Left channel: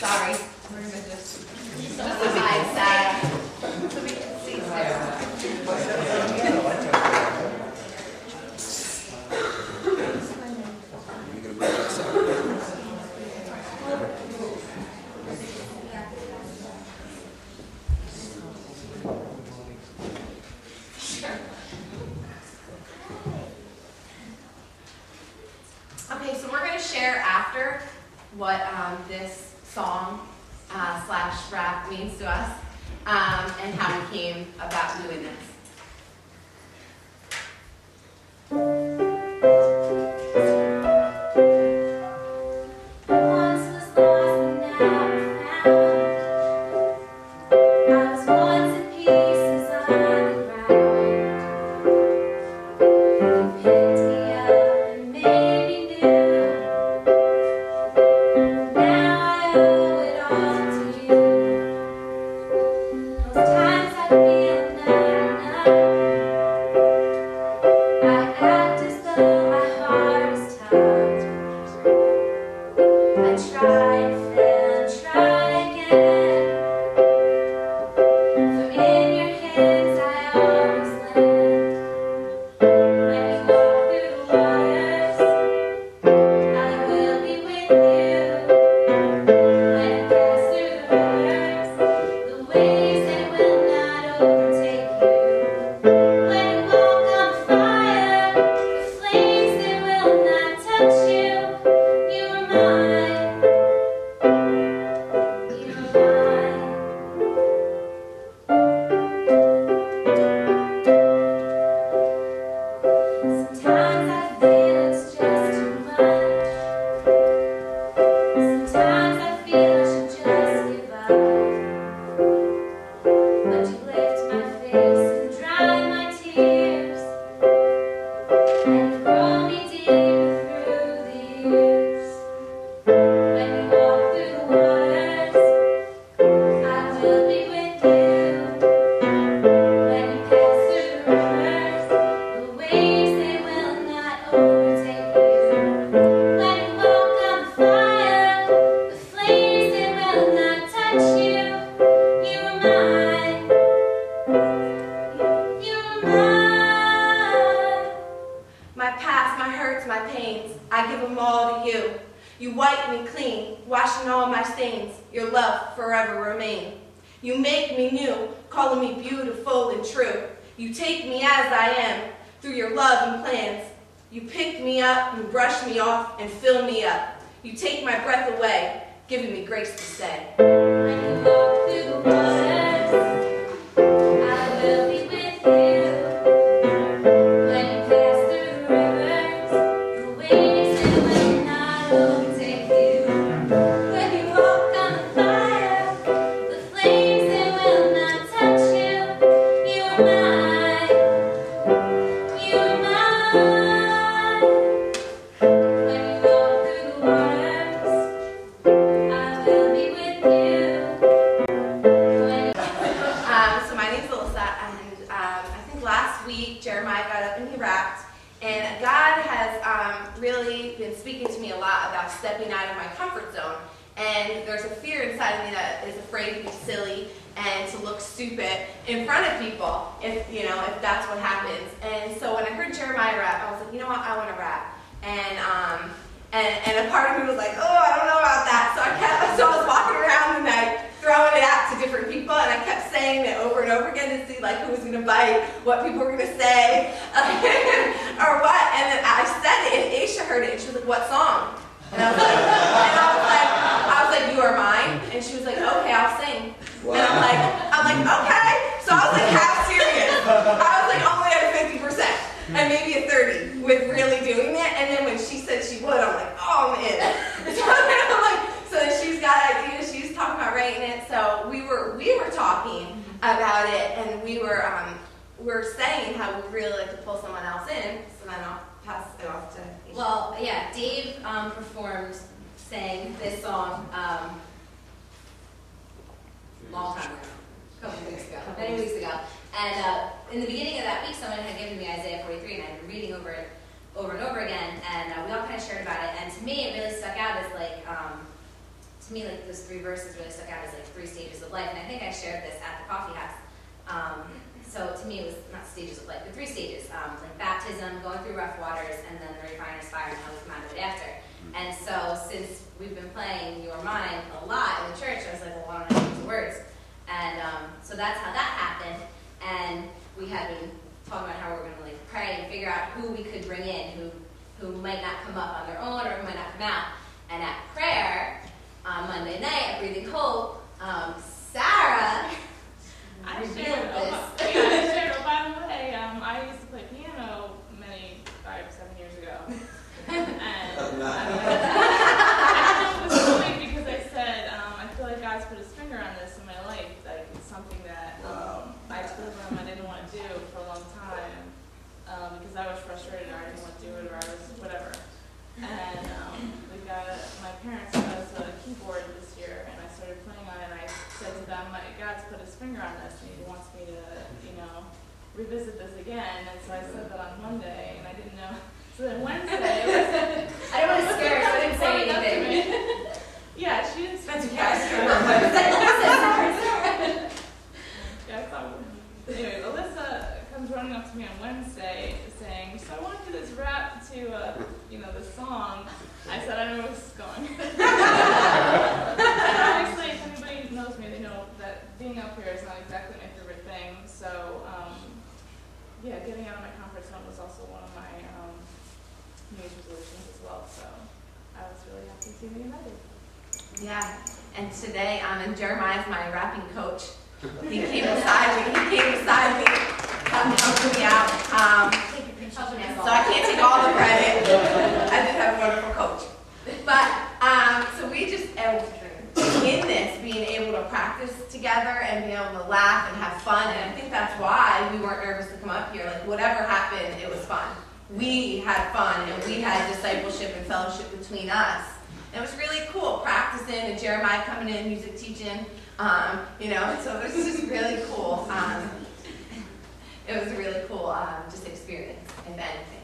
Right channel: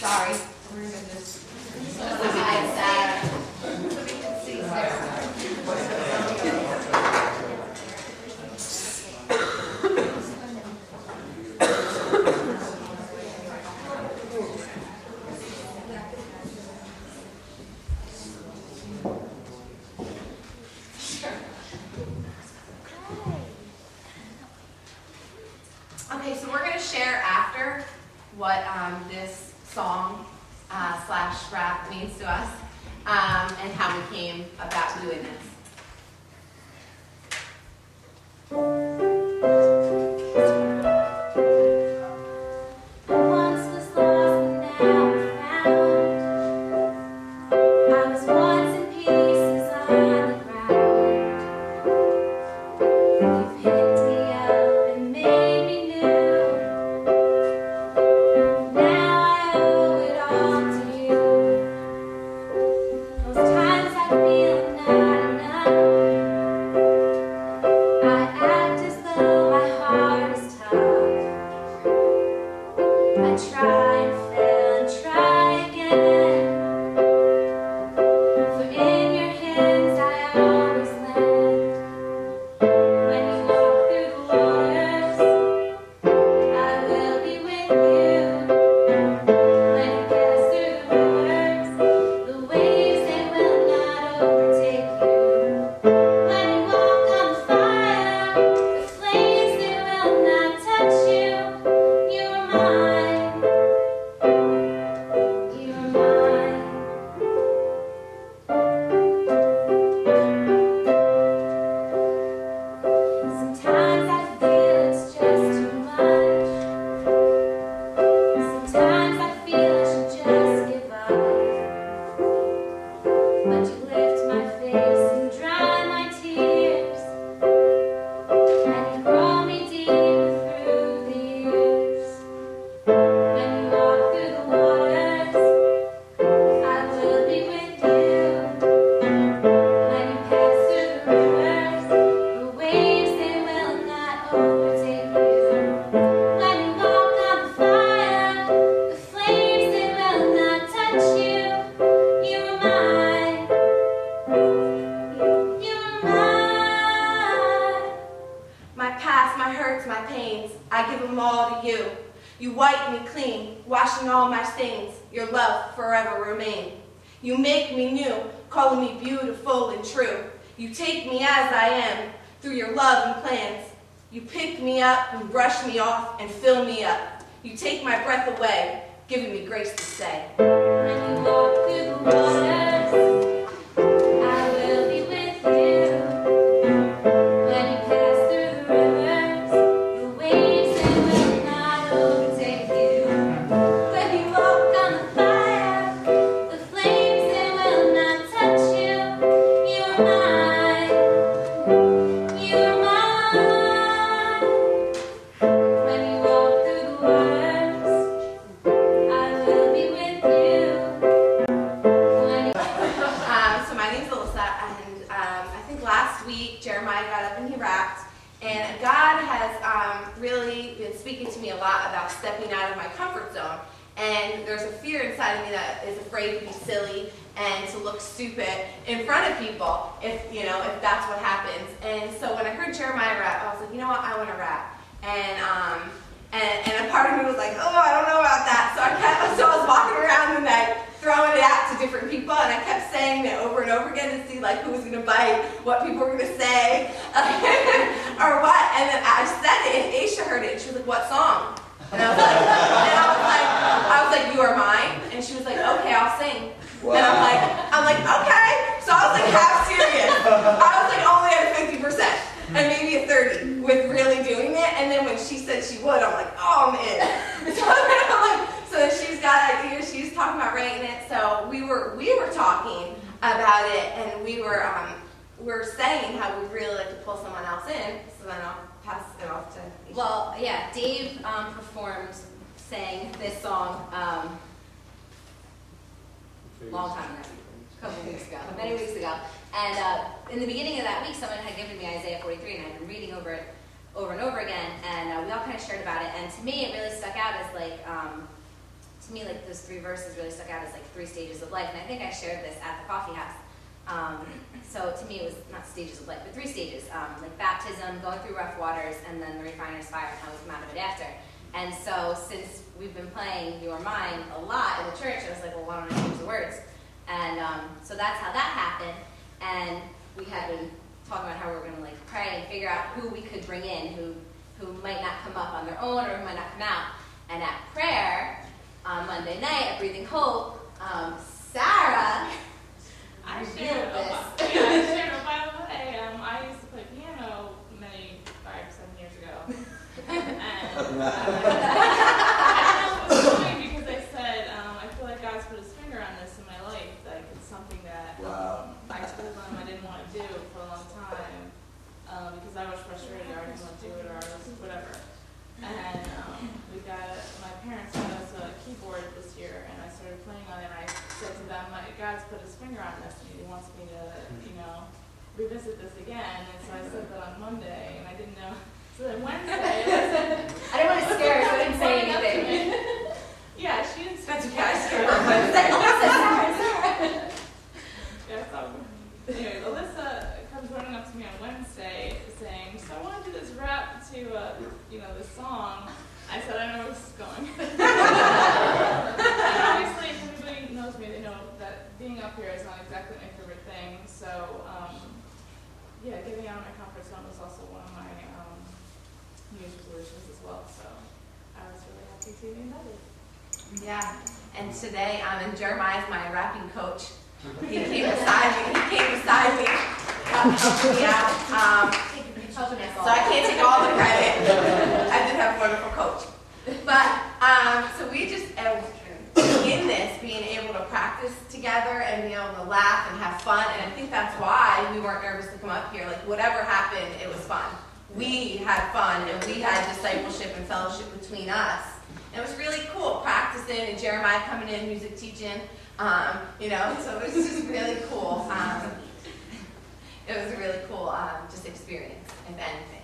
Sorry, we're gonna just hide that so we can see Sarah. Okay, so we're going to share after what this song slash rap means to us and how we came about doing this. You make me new, calling me beautiful and true. You take me as I am, through your love and plans. You pick me up and brush me off and fill me up. You take my breath away, giving me grace to stay. When you walk through the waters, I will be with you. When you pass through the rivers, the waves they will not overtake you. When you walk on the fire, the flames they will not touch you. You are mine. You are mine. When you walk through the waters, I will be with you. So my name's Alissa, and I think last week Jeremiah got up and he rapped, and God has really been speaking to me a lot about stepping out of my comfort zone. And there's a fear inside of me that is afraid to be silly and to look stupid in front of people if that's what happens. And so when I heard Jeremiah rap, I was like, you know what, I want to rap. And a part of me was like, oh, I don't know about that. So I was walking around the night, throwing it out to different people, and I kept saying it over and over again to see like who was gonna bite, what people were gonna say, or what. And then I said it, and Ashia heard it, and she was like, what song? And I was like, you are mine. And she was like, okay, I'll sing. Wow. And I'm like, okay. So I was like half serious. I was like only at a 50%. And maybe a 30 with really doing it. And then when she said she would, I'm like, oh, I'm in. So she's got ideas. She's talking about writing it. So we were talking about it, and we were saying how we really like to pull someone else in. So then I'll pass it off to Ashia. Well, yeah, Dave sang this song long time ago, a couple weeks ago, many weeks ago. And in the beginning of that week, someone had given me Isaiah 43, and I'd been reading over it over and over again, and we all kind of shared about it. And to me, it really stuck out as like to me, like, those 3 verses really stuck out as like 3 stages of life. And I think I shared this at the coffee house. So to me, it was not stages of life, but 3 stages, like baptism, going through rough waters, and then the refiner's fire and how we come out of it after. And so since we've been playing Your Mind a lot in the church, I was like, well, why don't I change the words? And so that's how that happened. And we had been talking about how we were going to like pray and figure out who we could bring in, who might not come up on their own or who might not come out. And at prayer on Monday night at Breathing Hope, Sarah revealed this. I shared, oh, by the way, I used to play piano 5-7 years ago. And I don't know what was funny because I said, I feel like God's put his finger on this in my life. Like, it's something that I told him I didn't want to do for a long time because I was frustrated or I didn't want to do it or I was whatever. And my parents got us a keyboard this year and I started playing on it and I said to them, God's put his finger on this and he wants me to, revisit this again. And so I said that on Monday and I didn't know. So then Wednesday, I didn't want to scare her, so I didn't say anything. Yeah, she didn't. That's okay. I scared her. Anyway, Alissa comes running up to me on Wednesday saying, so I want to do this rap to, this song. I said, I don't know where this is going. And obviously, if anybody knows me, they know that being up here is not exactly my favorite thing. So, getting out of my comfort zone was also one of my New Year's resolutions as well. So, I was really happy to be invited. Yeah, and today, and Jeremiah's my rapping coach. He came beside me, helping me out. So I can't take all the credit. I did have a wonderful coach. But, so we just, in this, being able to practice together and being able to laugh and have fun, and I think that's why we weren't nervous to come up here. Like, whatever happened, it was fun. We had fun, and we had discipleship and fellowship between us. And it was really cool practicing, and Jeremiah coming in, music teaching, so it was just really cool. It was a really cool just experience, if anything.